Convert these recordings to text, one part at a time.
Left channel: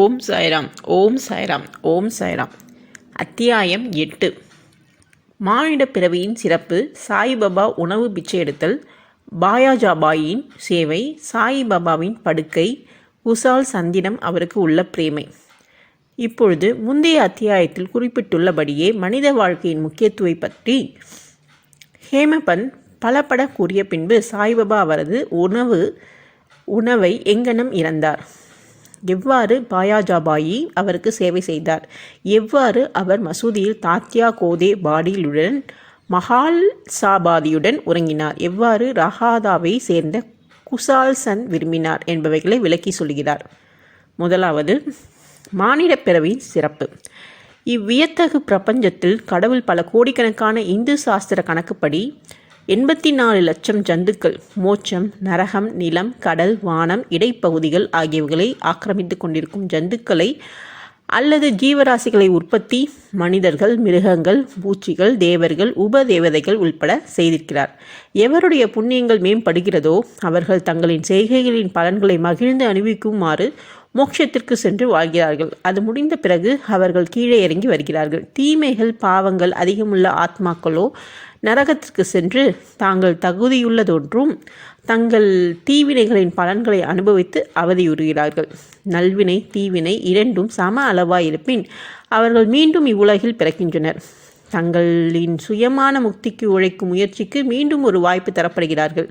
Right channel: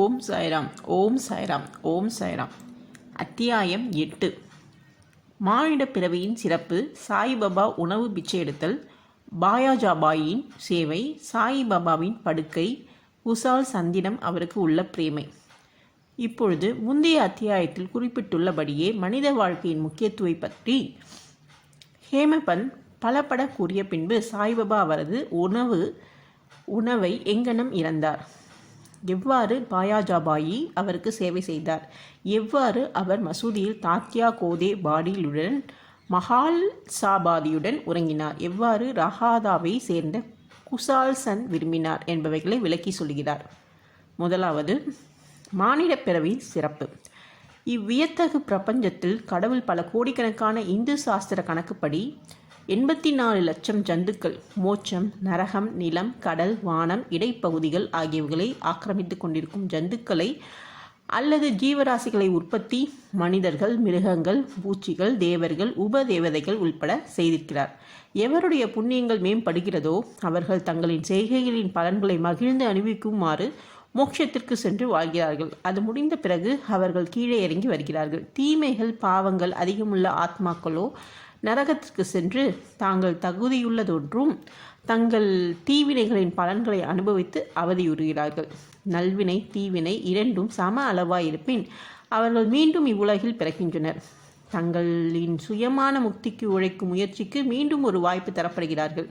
ஓம் சாய்ராம். ஓம் சாய்ராம். ஓம் சாய்ராம். அத்தியாயம் 8. மானிட பிறவியின் சிறப்பு. சாய்பாபா உணவு பிச்சை எடுத்தல், பாயாஜாபாயின் சேவை, சாய்பாபாவின் படுக்கை, குசால் சந்திடம் அவருக்கு உள்ள பிரேமை. இப்பொழுது முந்தைய அத்தியாயத்தில் குறிப்பிட்டுள்ளபடியே மனித வாழ்க்கையின் முக்கியத்துவை பற்றி ஹேமபந்த் பலபட கூறிய பின்பு சாய்பாபா அவரது உணவை எங்கனம் இறந்தார், எவ்வாறு பாயாஜாபாயி அவருக்கு சேவை செய்தார், எவ்வாறு அவர் மசூதியில் தாத்யா கோதே பாடிலுடன் மஹால் சாபாதியுடன் உறங்கினார், எவ்வாறு ரஹாதாவை சேர்ந்த குசால் சந்த் விரும்பினார் என்பவைகளை விளக்கி சொல்கிறார். முதலாவது, மானிட பிறவியின் சிறப்பு. இவ்வியத்தகு பிரபஞ்சத்தில் கடவுள் பல கோடிக்கணக்கான இந்து சாஸ்திர கணக்குப்படி 84 லட்சம் ஜந்துக்கள், மோட்சம், நரகம், நிலம், கடல், வானம், இடைப்பகுதிகள் ஆகியவைகளை ஆக்கிரமித்து கொண்டிருக்கும் ஜந்துக்களை அல்லது ஜீவராசிகளை உற்பத்தி மனிதர்கள், மிருகங்கள், பூச்சிகள், தேவர்கள், உபதேவதைகள் உள்பட செய்திருக்கிறார். எவருடைய புண்ணியங்கள் மேம்படுகிறதோ அவர்கள் தங்களின் செய்கைகளின் பலன்களை மகிழ்ந்து அனுபவிக்குமாறு மோட்சத்திற்கு சென்று வாழ்கிறார்கள். அது முடிந்த பிறகு அவர்கள் கீழே இறங்கி வருகிறார்கள். தீமைகள், பாவங்கள் அதிகமுள்ள ஆத்மாக்களோ நரகத்திற்கு சென்று தாங்கள் தகுதியுள்ளதொன்றும் தங்கள் தீவினைகளின் பலன்களை அனுபவித்து அவதியுறுகிறார்கள். நல்வினை, தீவினை இரண்டும் சம அளவாயிருப்பின் அவர்கள் மீண்டும் இவ்வுலகில் பிறக்கின்றனர். தங்களின் சுயமான முக்திக்கு உழைக்கும் முயற்சிக்கு மீண்டும் ஒரு வாய்ப்பு தரப்படுகிறார்கள்.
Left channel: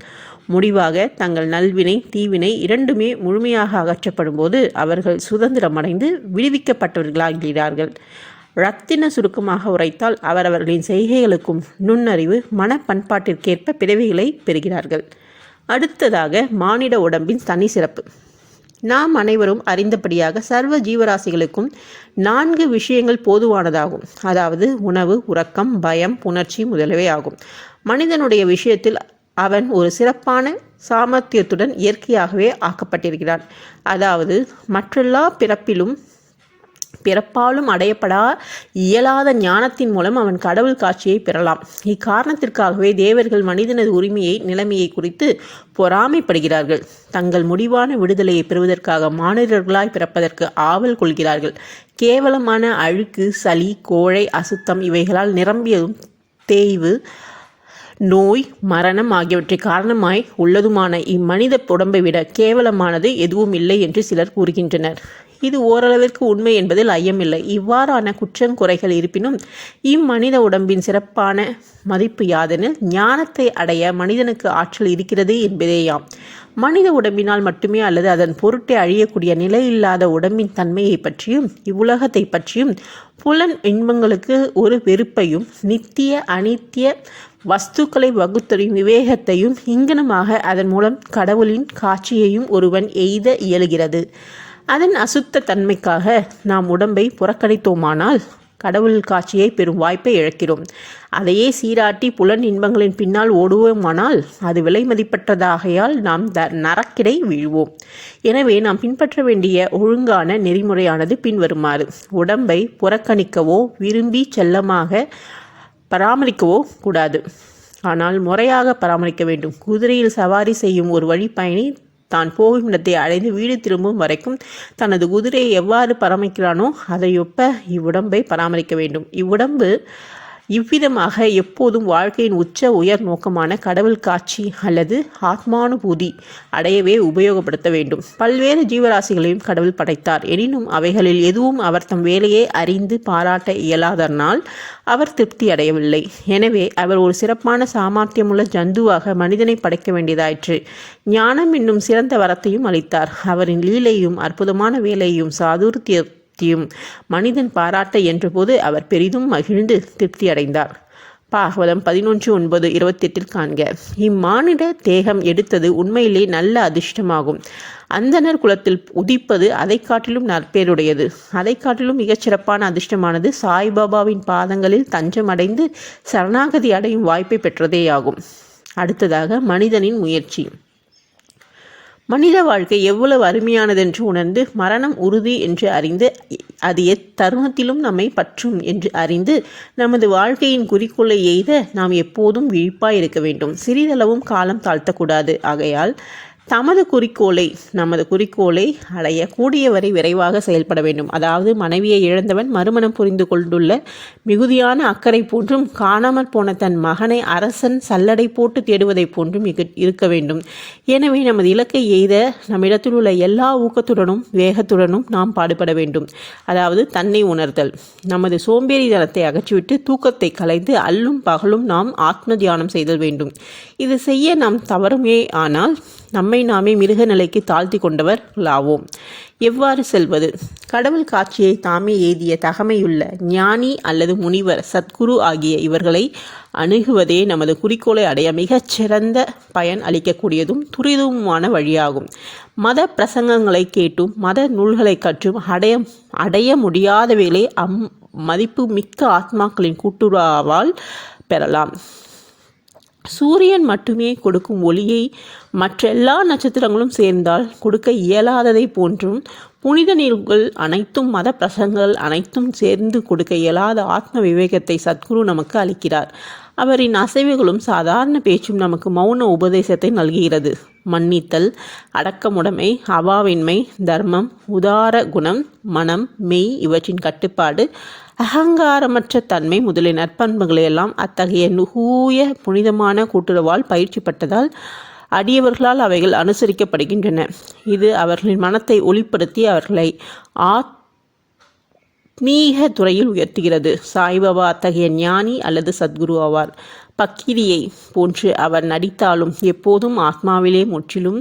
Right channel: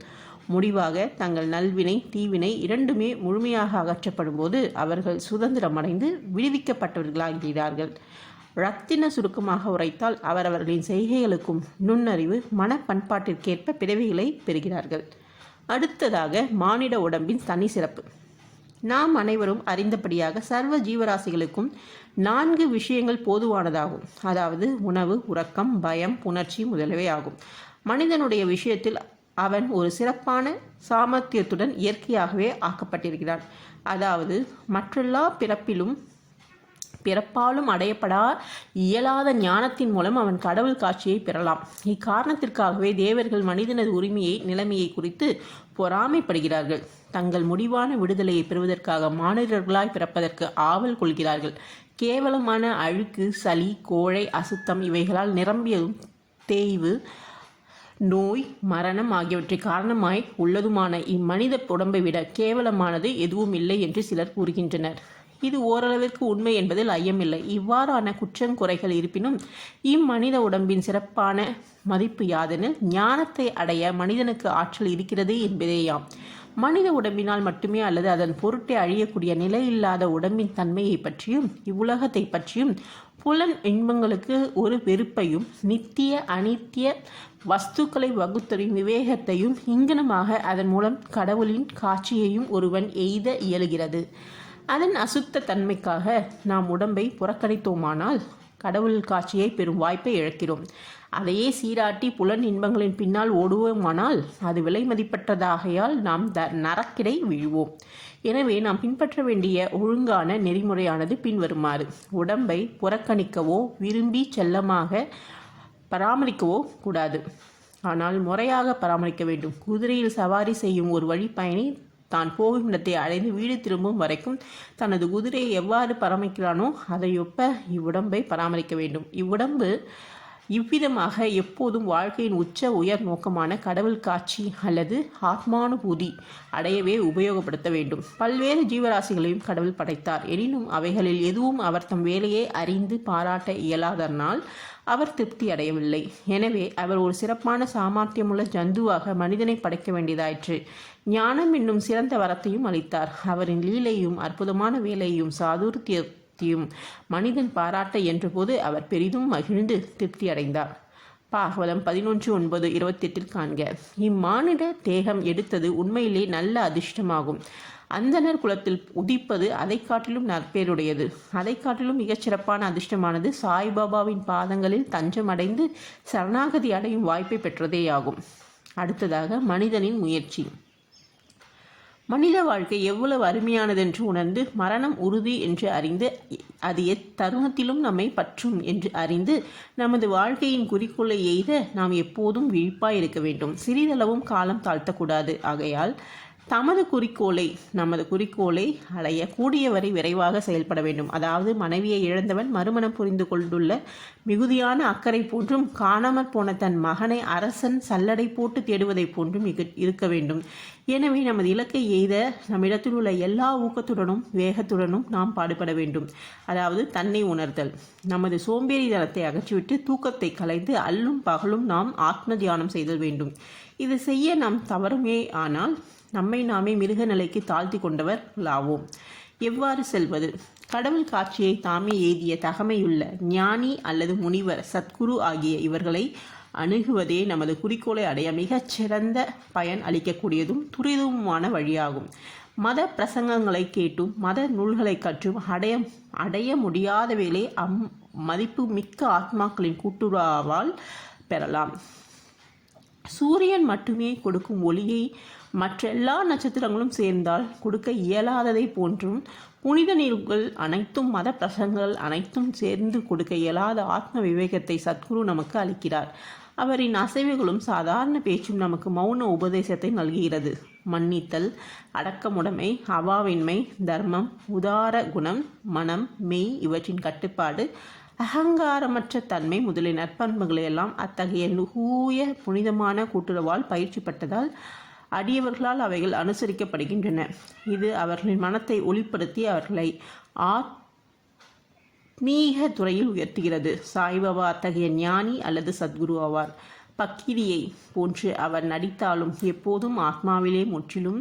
முடிவாக தங்கள் நல்வினை, தீவினை இரண்டுமே முழுமையாக அகற்றப்படும் போது அவர்கள் சுதந்திரமடைந்து விடுவிக்கப்பட்டவர்களாகிறார்கள். ரத்தின சுருக்கமாக உரைத்தால் அவரவர்களின் செய்கைகளுக்கும் நுண்ணறிவு, மன பண்பாட்டிற்கேற்ப பிறவிகளை பெறுகிறார்கள். அடுத்ததாக, மானிட உடம்பின் தனி சிறப்பு. நாம் அனைவரும் அறிந்தபடியாக சர்வ ஜீவராசிகளுக்கும் 4 விஷயங்கள் பொதுவானதாகும். அதாவது உணவு, உறக்கம், பயம், புணர்ச்சி முதலியவை ஆகும். மனிதனுடைய விஷயத்தில் அவன் ஒரு சிறப்பான சாமர்த்தியத்துடன் இயற்கையாகவே ஆக்கப்பட்டிருக்கிறான். அதாவது மற்றெல்லா பிறப்பாலும் அடையப்படா இயலாத ஞானத்தின் மூலம் அவன் கடவுள் காட்சியை பெறலாம். இக்காரணத்திற்காகவே தேவர்கள் மனிதனது உரிமையை, நிலைமையை குறித்து பொறாமைப்படுகிறார்கள். தங்கள் முடிவான விடுதலையை பெறுவதற்காக மானிடர்களாய் பிறப்பதற்கு ஆவல் கொள்கிறார்கள். கேவலமான அழுக்கு, சளி, கோழை, அசுத்தம் இவைகளால் நிரம்பியதும் தேய்வு, நோய், மரணம் ஆகியவற்றை காரணமாய் உள்ளதுமான இம்மனித உடம்பை விட கேவலமானது எதுவும் இல்லை என்று சிலர் கூறுகின்றனர். இது ஓரளவிற்கு உண்மை என்பதில் ஐயமில்லை. இவ்வாறான குற்றங்குறைகள் இருப்பினும் இம்மனித உடம்பின் சிறப்பான மதிப்பு யாதெனில், ஞானத்தை அடைய மனிதனுக்கு ஆற்றல் இருக்கிறது என்பதேயாம். மனித உடம்பினால் மட்டுமே அல்லது அதன் பொருட்டே அழியக்கூடிய நிலையில்லாத உடம்பின் தன்மையை பற்றியும் இவ்வுலகத்தை பற்றியும் புலன் இன்பங்களுக்கு ஒரு வெறுப்பையும் நித்திய அனித்திய வஸ்துக்களை வகுத்தறியும் விவேகத்தையும் இங்கனமாக அதன் மூலம் கடவுளின் காட்சியையும் ஒருவன் எய்த இயலுகிறது. அதன் அசுத்த தன்மைக்காக நாம் உடம்பை புறக்கணித்தோமானால் கடவுள் காட்சியை பெறும் வாய்ப்பை இழக்கிறோம். அதையே சீராட்டி புலன் இன்பங்களின் பின்னால் ஓடுவோமானால் அது விலை மதிப்பற்றதாகையால் நாம் நரக்கிடை வீழ்வோம். எனவே நாம் பின்பற்ற வேண்டிய ஒழுங்கான நெறிமுறையானது பின்வருமாறு: உடம்பை புறக்கணிக்கவோ விரும்பி செல்லமாக பராமரிக்கவோ கூடாது, ஆனால் முறையாக பராமரிக்க வேண்டும். குதிரையில் சவாரி செய்யும் ஒரு வழிப்பயணி தான் போகும் இடத்தை அடைந்து வீடு திரும்பும் வரைக்கும் தனது குதிரையை எவ்வாறு பராமரிக்கிறானோ அதையொப்ப இவ்வுடம்பை பராமரிக்க வேண்டும். இவ்வுடம்பு இவ்விதமாக எப்போதும் வாழ்க்கையின் உயர் நோக்கமான கடவுள் காட்சி அல்லது ஆத்மானுபூதி அடையவே உபயோகப்படுத்த வேண்டும். பல்வேறு ஜீவராசிகளையும் கடவுள் படைத்தார். எனினும் அவைகளில் எதுவும் அவர் தம் வேலையை அறிந்து பாராட்ட இயலாதனால் அவர் திருப்தி அடையவில்லை. எனவே அவர் ஒரு சிறப்பான சாமர்த்தியமுள்ள ஜந்துவாக மனிதனை படைக்க வேண்டியதாயிற்று. ஞானம் என்னும் சிறந்த வரத்தையும் அளித்தார். அவரின் லீலையும் அற்புதமான வேலையும் சாதுர்த்தியத்தையும் மனிதன் பாராட்ட என்றபோது அவர் பெரிதும் மகிழ்ந்து திருப்தி அடைந்தார். பாகவதம் 11:9-28 காண்க. இம்மானிட தேகம் எடுத்தது உண்மையிலே நல்ல அதிர்ஷ்டமாகும். அந்தனர் குலத்தில் உதிப்பது அதை காட்டிலும் நற்பேருடையது. அதை காட்டிலும் மிகச்சிறப்பான அதிர்ஷ்டமானது சாய்பாபாவின் பாதங்களில் தஞ்சம் அடைந்து சரணாகதி அடையும் வாய்ப்பை பெற்றதேயாகும். அடுத்ததாக, மனிதனின் முயற்சி. மனித வாழ்க்கை எவ்வளவு அருமையானதென்று உணர்ந்து மரணம் உறுதி என்று அறிந்து அது எத்தருணத்திலும் நம்மை பற்றும் என்று அறிந்து நமது வாழ்க்கையின் குறிக்கோளை எய்த நாம் எப்போதும் விழிப்பாய் இருக்க வேண்டும். சிறிதளவும் காலம் தாழ்த்தக்கூடாது. ஆகையால் நமது குறிக்கோளை அடைய கூடியவரை விரைவாக செயல்பட வேண்டும். அதாவது மனைவியை இழந்தவன் மறுமணம் புரிந்து கொண்டுள்ள மிகுதியான அக்கறை போன்றும், காணாமற் போன தன் மகனை அரசன் சல்லடை போட்டு தேடுவதை போன்றும் இருக்க வேண்டும். எனவே நமது இலக்கை எய்த நம்மிடத்தில் உள்ள எல்லா ஊக்கத்துடனும் வேகத்துடனும் நாம் பாடுபட வேண்டும். அதாவது தன்னை உணர்தல். நமது சோம்பேறித்தனத்தை அகற்றிவிட்டு தூக்கத்தை கலைந்து அல்லும் பகலும் நாம் ஆத்ம தியானம் செய்தல் வேண்டும். இது செய்ய நாம் தவறுமே ஆனால் நம்மை நாமே மிருக நிலைக்கு தாழ்த்தி கொண்டவர்களாவோம். எவ்வாறு செல்வது? கடவுள் காட்சியை தாமே எய்திய தகமையுள்ள ஞானி அல்லது முனிவர், சத்குரு ஆகிய இவர்களை அணுகுவதே நமது குறிக்கோளை அடைய மிகச்சிறந்த பயன் அளிக்கக்கூடியதும் துரிதமுமான வழியாகும். மத பிரசங்கங்களை கேட்டும் மத நூல்களை கற்றும் அடைய முடியாதவைகளை மதிப்பு மிக்க ஆத்மாக்களின் கூட்டுறவால் பெறலாம். சூரியன் மட்டுமே கொடுக்கும் ஒளியை மற்றெல்லா நட்சத்திரங்களும் சேர்ந்தால் கொடுக்க இயலாததை போன்றும், புனித நூல்கள் அனைத்தும் மத பிரசங்கங்கள் அனைத்தும் சேர்ந்து கொடுக்க இயலாத ஆத்ம விவேகத்தை சத்குரு நமக்கு அளிக்கிறார். அவரின் அசைவுகளும் சாதாரண பேச்சும் நமக்கு மௌன உபதேசத்தை நல்கிறது. மன்னித்தல், அடக்கமுடைமை, அவாவின்மை, தர்மம், உதார குணம், மனம், மெய் இவற்றின் கட்டுப்பாடு, அகங்காரமற்ற தன்மை முதலிய நற்பண்புகளையெல்லாம் அத்தகைய நுகூய புனிதமான கூட்டுறவால் பயிற்சி பட்டதால் அடியவர்களால் அவைகள் அனுசரிக்கப்படுகின்றன. இது அவர்களின் மனத்தை ஒளிப்படுத்தி அவர்களை ஆத்மீக துறையில் உயர்த்துகிறது. சாய்பாபா அத்தகைய ஞானி அல்லது சத்குரு ஆவார். பக்கிரியை போன்று அவர் நடித்தாலும் எப்போதும் ஆத்மாவிலே முற்றிலும்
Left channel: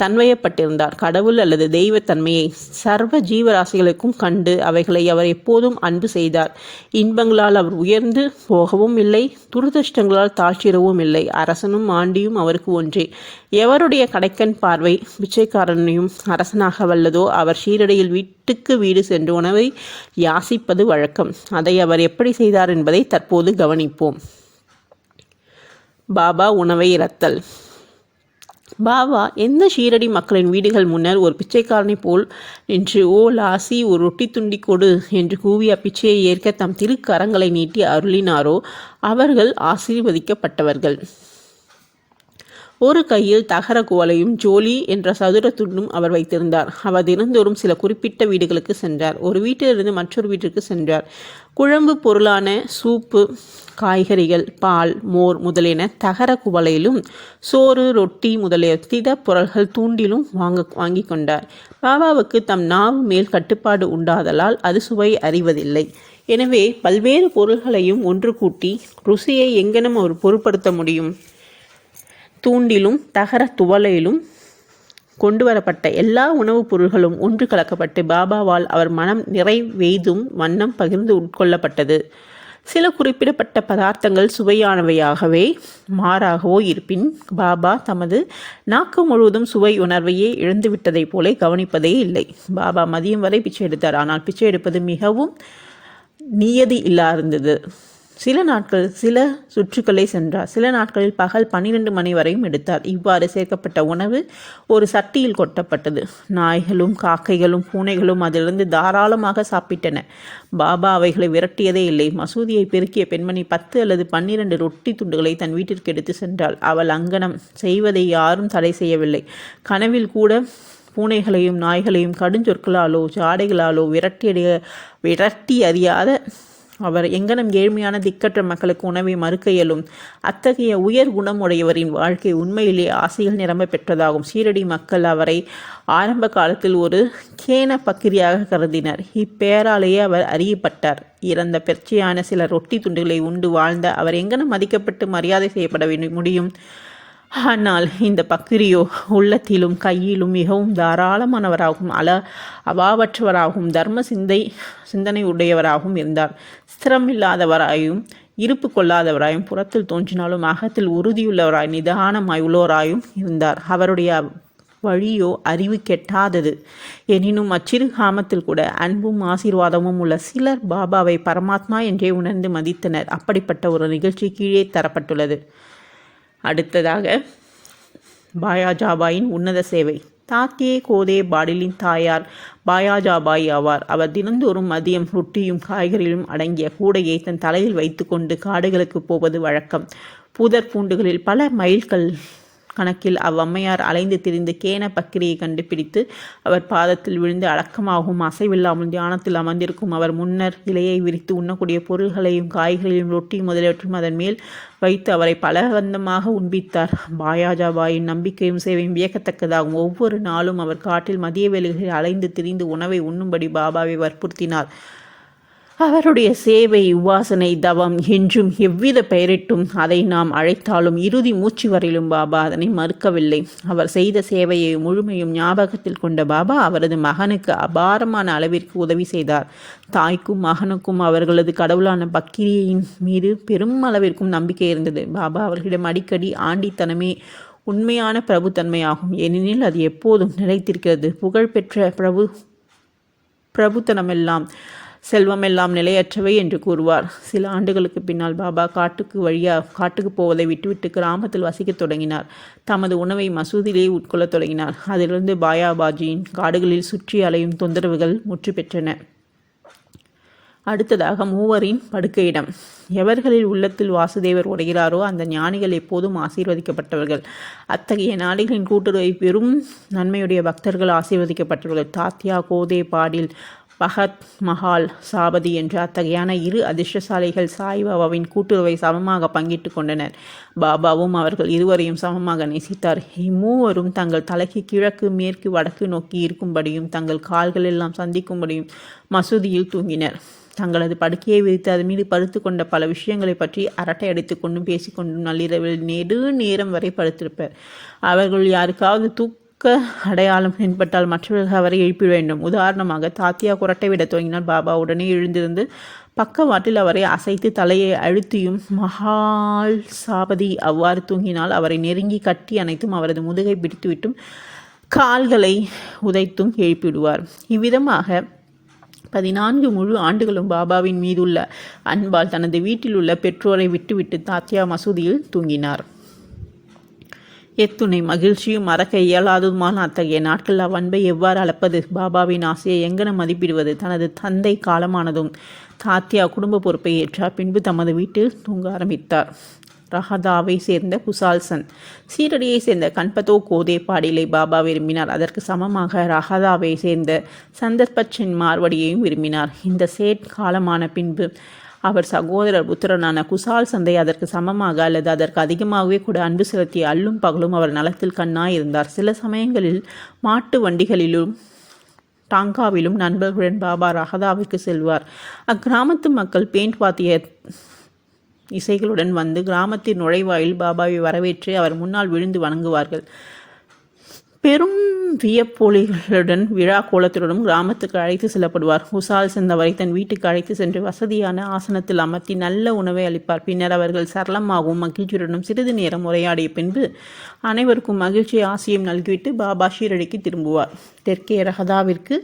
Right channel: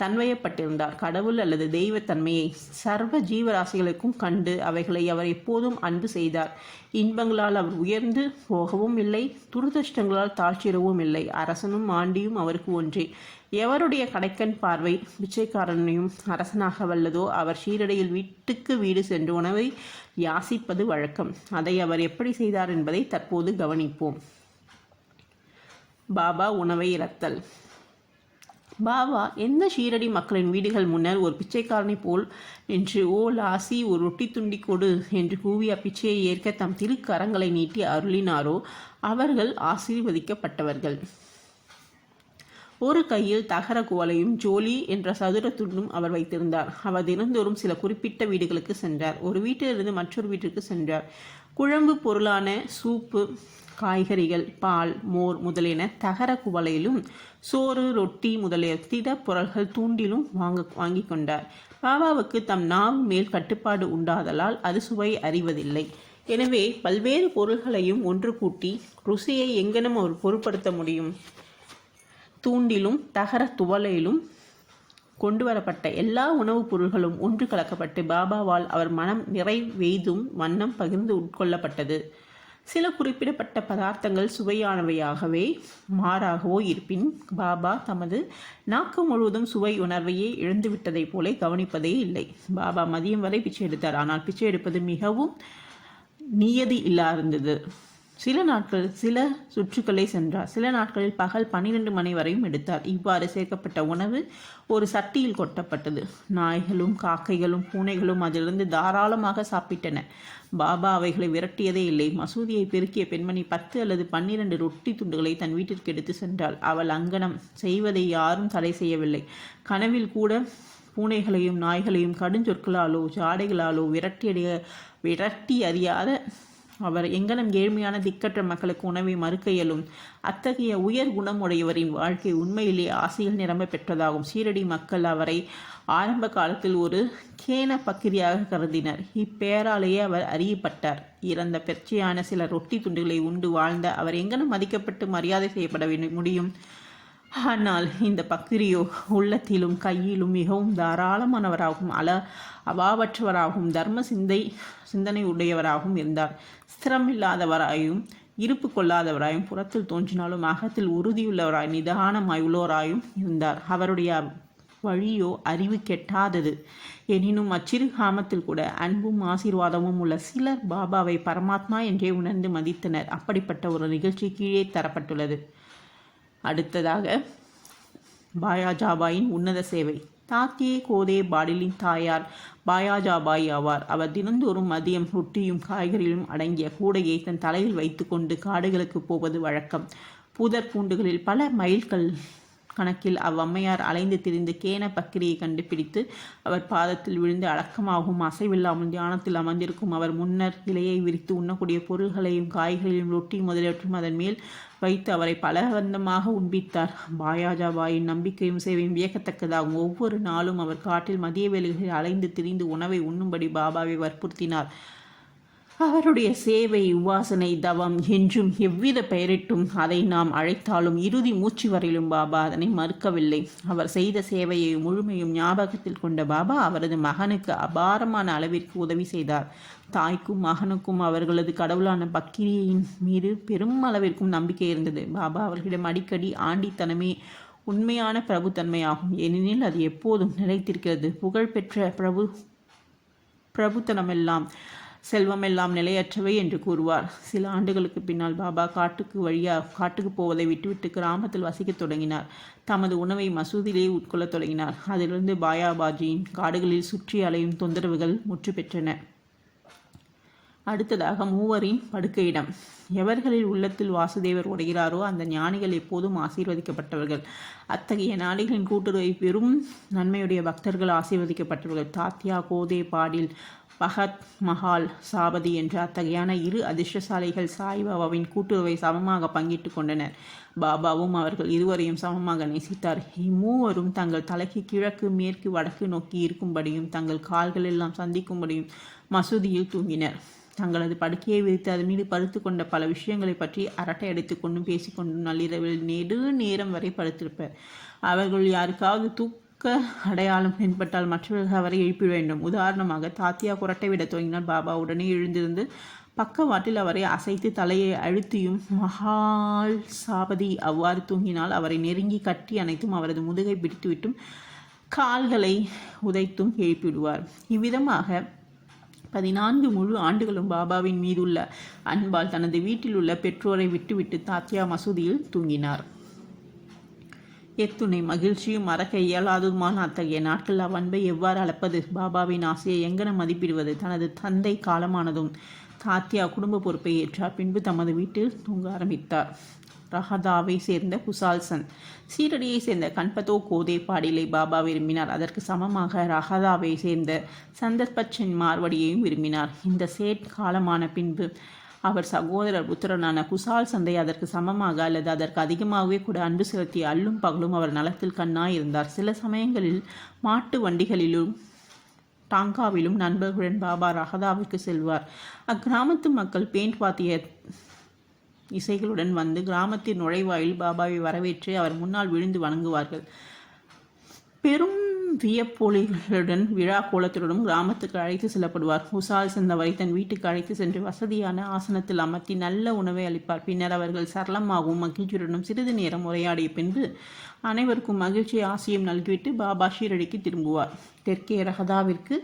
தன்வயப்பட்டிருந்தார். கடவுள் அல்லது தெய்வத்தன்மையை சர்வ ஜீவராசிகளுக்கும் கண்டு அவைகளை அவர் எப்போதும் அன்பு செய்தார். இன்பங்களால் அவர் உயர்ந்து போகவும் இல்லை, துரதிருஷ்டங்களால் தாழ்ச்சிடவும் இல்லை. அரசனும் ஆண்டியும் அவருக்கு ஒன்றே. எவருடைய கடைக்கண் பார்வை பிச்சைக்காரனையும் அரசனாக வல்லதோ அவர் ஷீரடியில் வீட்டுக்கு வீடு சென்று உணவை யாசிப்பது வழக்கம். அதை அவர் எப்படி செய்தார் என்பதை தற்போது கவனிப்போம். பாபா உணவை இரத்தல். பாபா எந்த ஷீரடி மக்களின் வீடுகள் முன்னர் ஒரு பிச்சைக்காரனை போல் நின்று, ஓ லாசி, ஒரு ரொட்டி துண்டி கொடு என்று கூவி அப்பிச்சையை ஏற்க தம் திருக்கரங்களை நீட்டி அருளினாரோ அவர்கள் ஆசீர்வதிக்கப்பட்டவர்கள். ஒரு கையில் தகர குவளையும் ஜோலி என்ற சதுர துண்டும் அவர் வைத்திருந்தார். அவர் தினந்தோறும் சில குறிப்பிட்ட வீடுகளுக்கு சென்றார். ஒரு வீட்டிலிருந்து மற்றொரு வீட்டிற்கு சென்றார். குழம்பு பொருளான சூப்பு, காய்கறிகள், பால், மோர் முதலியன தகர குவளையிலும், சோறு, ரொட்டி முதலிய திட பொருள்கள் தூண்டிலும் வாங்கி கொண்டார். பாபாவுக்கு தம் நாவு மேல் கட்டுப்பாடு உண்டாதலால் அது சுவை அறிவதில்லை. எனவே பல்வேறு பொருள்களையும் ஒன்று கூட்டி ருசியை எங்கெனும் அவர் பொருட்படுத்த முடியும். தூண்டிலும் தகர துவலையிலும் கொண்டு வரப்பட்ட எல்லா உணவுப் பொருள்களும் ஒன்று கலக்கப்பட்டு பாபாவால் அவர் மனம் நிறைவெய்தும் வண்ணம் பகிர்ந்து உட்கொள்ளப்பட்டது. சில குறிப்பிடப்பட்ட பதார்த்தங்கள் சுவையானவையாகவே மாறாகவோ இருப்பின் பாபா தமது நாக்கு முழுவதும் சுவை உணர்வையே இழந்துவிட்டதைப் போல கவனிப்பதே இல்லை. பாபா மதியம் வரை பிச்சை எடுத்தார். ஆனால் பிச்சை எடுப்பது மிகவும் நியதி இல்லாதிருந்தது. சில நாட்கள் சில சுற்றுக்களை சென்றார். சில நாட்களில் பகல் 12 மணி வரையும் எடுத்தார். இவ்வாறு சேர்க்கப்பட்ட உணவு ஒரு சட்டியில் கொட்டப்பட்டது. நாய்களும் காக்கைகளும் பூனைகளும் அதிலிருந்து தாராளமாக சாப்பிட்டன. பாபா அவைகளை விரட்டியதே இல்லை. மசூதியை பெருக்கிய பெண்மணி 10 அல்லது 12 ரொட்டி துண்டுகளை தன் வீட்டிற்கு எடுத்து சென்றாள். அவள் அங்கனம் செய்வதை யாரும் தடை செய்யவில்லை. கனவில் கூட பூனைகளையும் நாய்களையும் கடுஞ்சொற்களாலோ ஜாடைகளாலோ விரட்டி அறியாத அவர் எங்கனம் ஏழ்மையான திக்கற்ற மக்களுக்கு உணவை மறுக்க இயலும். அத்தகைய உயர் குணமுடையவரின் வாழ்க்கை உண்மையிலே ஆசைகள் நிரம்ப பெற்றதாகும். ஷீரடி மக்கள் அவரை ஆரம்ப காலத்தில் ஒரு கேன பக்கிரியாக கருதினர். இப்பெயராலேயே அவர் அறியப்பட்டார். இறந்த பெர்ச்சியான சில ரொட்டி துண்டுகளை உண்டு வாழ்ந்த அவர் எங்கனம் மதிக்கப்பட்டு மரியாதை செய்யப்பட முடியும்? ஆனால் இந்த பக்கிரியோ உள்ளத்திலும் கையிலும் மிகவும் தாராளமானவராகவும் அபாவற்றவராகவும் தர்ம சிந்தனை உடையவராகவும் இருந்தார். ஸ்திரமில்லாதவராயும் இருப்பு கொள்ளாதவராயும் புறத்தில் தோன்றினாலும் அகத்தில் உறுதியுள்ளவராய் நிதானமாய் உள்ளவராயும் இருந்தார். அவருடைய வழியோ அறிவு கெட்டாதது. எனினும் அச்சிறு காமத்தில் கூட அன்பும் ஆசீர்வாதமும் உள்ள சிலர் பாபாவை பரமாத்மா என்றே உணர்ந்து மதித்தனர். அப்படிப்பட்ட ஒரு நிகழ்ச்சி கீழே தரப்பட்டுள்ளது. அடுத்ததாக பாயாஜாபாயின் உன்னத சேவை. தாத்தியே கோதே பாடிலின் தாயார் பாயாஜாபாய் ஆவார். அவர் தினந்தோறும் மதியம் ரொட்டியும் காய்கறிகளும் அடங்கிய கூடையை தன் தலையில் வைத்து கொண்டு காடுகளுக்கு போவது வழக்கம். புதர் பூண்டுகளில் பல மைல்கள் கணக்கில் அவ்வம்மையார் அலைந்து திரிந்து கேன பக்கிரியை கண்டுபிடித்து அவர் பாதத்தில் விழுந்து அடக்கமாகவும் அசைவில்லாமல் தியானத்தில் அமர்ந்திருக்கும் அவர் முன்னர் இலையை விரித்து உண்ணக்கூடிய பொருள்களையும் காய்களையும் ரொட்டி முதலியவற்றும் அதன் மேல் வைத்து அவரை பலவந்தமாக உண்பித்தார். பாயாஜாபாயின் நம்பிக்கையும் சேவையும் வியக்கத்தக்கதாகும். ஒவ்வொரு நாளும் அவர் காட்டில் மதிய வேளைகளில் அலைந்து திரிந்து உணவை உண்ணும்படி பாபாவை வற்புறுத்தினார். அவருடைய சேவை, உபாசனை, தவம் என்றும் எவ்வித பெயரிட்டும் அதை நாம் அழைத்தாலும் இறுதி மூச்சு வரையிலும் பாபா அதனை மறுக்கவில்லை. அவர் செய்த சேவையை முழுமையும் ஞாபகத்தில் கொண்ட பாபா அவரது மகனுக்கு அபாரமான அளவிற்கு உதவி செய்தார். தாய்க்கும் மகனுக்கும் அவர்களது கடவுளான பக்கிரியின் மீது பெரும் அளவிற்கும் நம்பிக்கை இருந்தது. பாபா அவர்களிடம் அடிக்கடி ஆண்டித்தனமே உண்மையான பிரபுத்தன்மையாகும், ஏனெனில் அது எப்போதும் நிலைத்திருக்கிறது. புகழ்பெற்ற பிரபுத்தனமெல்லாம் செல்வமெல்லாம் நிலையற்றவை என்று கூறுவார். சில ஆண்டுகளுக்கு பின்னால் பாபா காட்டுக்கு போவதை விட்டுவிட்டு கிராமத்தில் வசிக்கத் தொடங்கினார். தமது உணவை மசூதியிலே உட்கொள்ளத் தொடங்கினார். அதிலிருந்து பாயாபாஜியின் காடுகளில் சுற்றி அலையும் தொந்தரவுகள் முற்று பெற்றன. அடுத்ததாக மூவரின் படுக்கையிடம். எவர்களில் உள்ளத்தில் வாசுதேவர் உடைகிறாரோ அந்த ஞானிகள் எப்போதும் ஆசீர்வதிக்கப்பட்டவர்கள். அத்தகைய ஞானிகளின் கூட்டுறவை பெரும் நன்மையுடைய பக்தர்கள் ஆசீர்வதிக்கப்பட்டவர்கள். தாத்யா, கோதே, பாடில், பகத் மஹால், சாபதி என்ற அத்தகையான இரு அதிர்ஷ்டசாலிகள் சாய்பாபாவின் கூட்டுறவை சமமாக பங்கிட்டு கொண்டனர். பாபாவும் அவர்கள் இருவரையும் சமமாக நேசித்தார். இம்மூவரும் தங்கள் தலைக்கு கிழக்கு, மேற்கு, வடக்கு நோக்கி இருக்கும்படியும் தங்கள் கால்கள் எல்லாம் சந்திக்கும்படியும் மசூதியில் தூங்கினர். தங்களது படுக்கையை விரித்து அது மீது படுத்து கொண்ட பல விஷயங்களை பற்றி அரட்டை அடித்து கொண்டும் பேசிக்கொண்டும் நள்ளிரவில் நெடு நேரம் வரை படுத்திருப்பர். அவர்கள் யாருக்காவது அடையாளம் தென்பட்டால் மற்றவர்கள் அவரை எழுப்பிட வேண்டும். உதாரணமாக, தாத்தியா குரட்டை விட துவங்கினால் பாபா உடனே எழுந்திருந்து பக்கவாட்டில் அவரை அசைத்து தலையை அழுத்தியும், மஹால் சாபதி அவ்வாறு தூங்கினால் அவரை நெருங்கி கட்டி அணைத்தும் அவரது முதுகை பிடித்துவிட்டும் கால்களை உதைத்தும் எழுப்பிவிடுவார். இவ்விதமாக 14 முழு ஆண்டுகளும் பாபாவின் மீதுள்ள அன்பால் தனது வீட்டில் உள்ள பெற்றோரை விட்டுவிட்டு தாத்தியா மசூதியில் தூங்கினார். எத்துணை மகிழ்ச்சியும் மறக்க இயலாததுமான அத்தகைய நாட்கள் அவ்வன்பை எவ்வாறு அளப்பது? பாபாவின் ஆசையை எங்கன மதிப்பிடுவது? தனது தந்தை காலமானதும் தாத்தியா குடும்ப பொறுப்பை ஏற்றார். பின்பு தமது வீட்டில் தூங்க ஆரம்பித்தார். ரஹதாவை சேர்ந்த குசால்சன், சீரடியை சேர்ந்த கண்பதோ கோதே பாடிலை பாபா விரும்பினார். அதற்கு சமமாக ரஹதாவை சேர்ந்த சந்தர்பச்சன் மார்வடியையும் விரும்பினார். இந்த சேட் காலமான பின்பு அவர் சகோதரர் புத்திரனான குசால் சந்தை அதற்கு சமமாக அல்லது அதற்கு அதிகமாகவே கூட அன்பு செலுத்திய அல்லும் பகலும் அவர் நலத்தில் கண்ணாய் இருந்தார். சில சமயங்களில் மாட்டு வண்டிகளிலும் டாங்காவிலும் நண்பர்களுடன் பாபா ரஹதாவிற்கு செல்வார். அக்கிராமத்து மக்கள் பேண்ட் வாத்திய இசைகளுடன் வந்து கிராமத்தின் நுழைவாயில் பாபாவை வரவேற்று அவர் முன்னால் விழுந்து வணங்குவார்கள். பெரும் வியப்பொலிகளுடன் விழா கோலத்துடனும் கிராமத்துக்கு அழைத்து செல்லப்படுவார். குசால் சென்றவரை தன் வீட்டுக்கு அழைத்து சென்று வசதியான ஆசனத்தில் அமர்த்தி நல்ல உணவை அளிப்பார். பின்னர் அவர்கள் சரளமாகவும் மகிழ்ச்சியுடனும் சிறிது நேரம் உரையாடிய பின்பு அனைவருக்கும் மகிழ்ச்சி ஆசையும் நல்கிவிட்டு பாபா ஷீரடிக்கு திரும்புவார். தெற்கே ரஹதாவிற்கு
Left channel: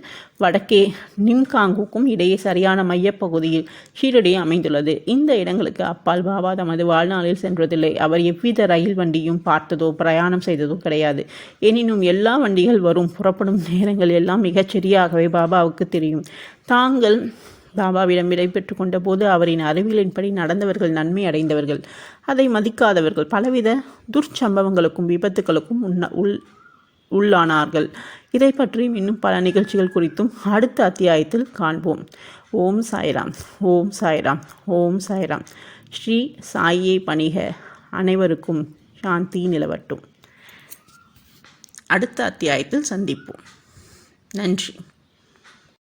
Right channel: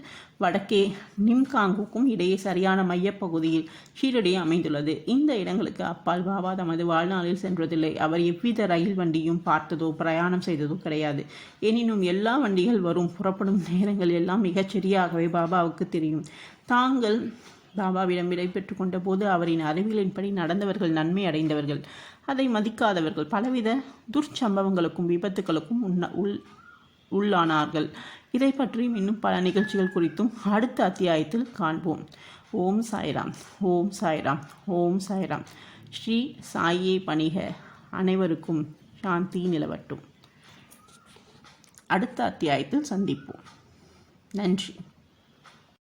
வடக்கே நிம்காங்குக்கும் இடையே சரியான மையப்பகுதியில் ஷீரடி அமைந்துள்ளது. இந்த இடங்களுக்கு அப்பால் பாபா தமது வாழ்நாளில் சென்றதில்லை. அவர் எவ்வித ரயில் வண்டியும் பார்த்ததோ பிரயாணம் செய்ததோ கிடையாது. எனினும் எல்லா வண்டிகள் வரும் புறப்படும் நேரங்கள் எல்லாம் மிகச்சரியாகவே பாபாவுக்கு தெரியும். தாங்கள் பாபாவிடம் விடை பெற்று கொண்ட போது அவரின் அறிவியலின்படி நடந்தவர்கள் நன்மை அடைந்தவர்கள், அதை மதிக்காதவர்கள் பலவித துர்ச்சம்பவங்களுக்கும் விபத்துகளுக்கும் உள்ளானார்கள். இதை பற்றியும் இன்னும் பல நிகழ்ச்சிகள் குறித்தும் அடுத்த அத்தியாயத்தில் காண்போம். ஓம் சாய்ராம், ஓம் சாய்ராம், ஓம் சாய்ராம். ஸ்ரீ சாயை பணிக. அனைவருக்கும் சாந்தி நிலவட்டும். அடுத்த அத்தியாயத்தில் சந்திப்போம். நன்றி.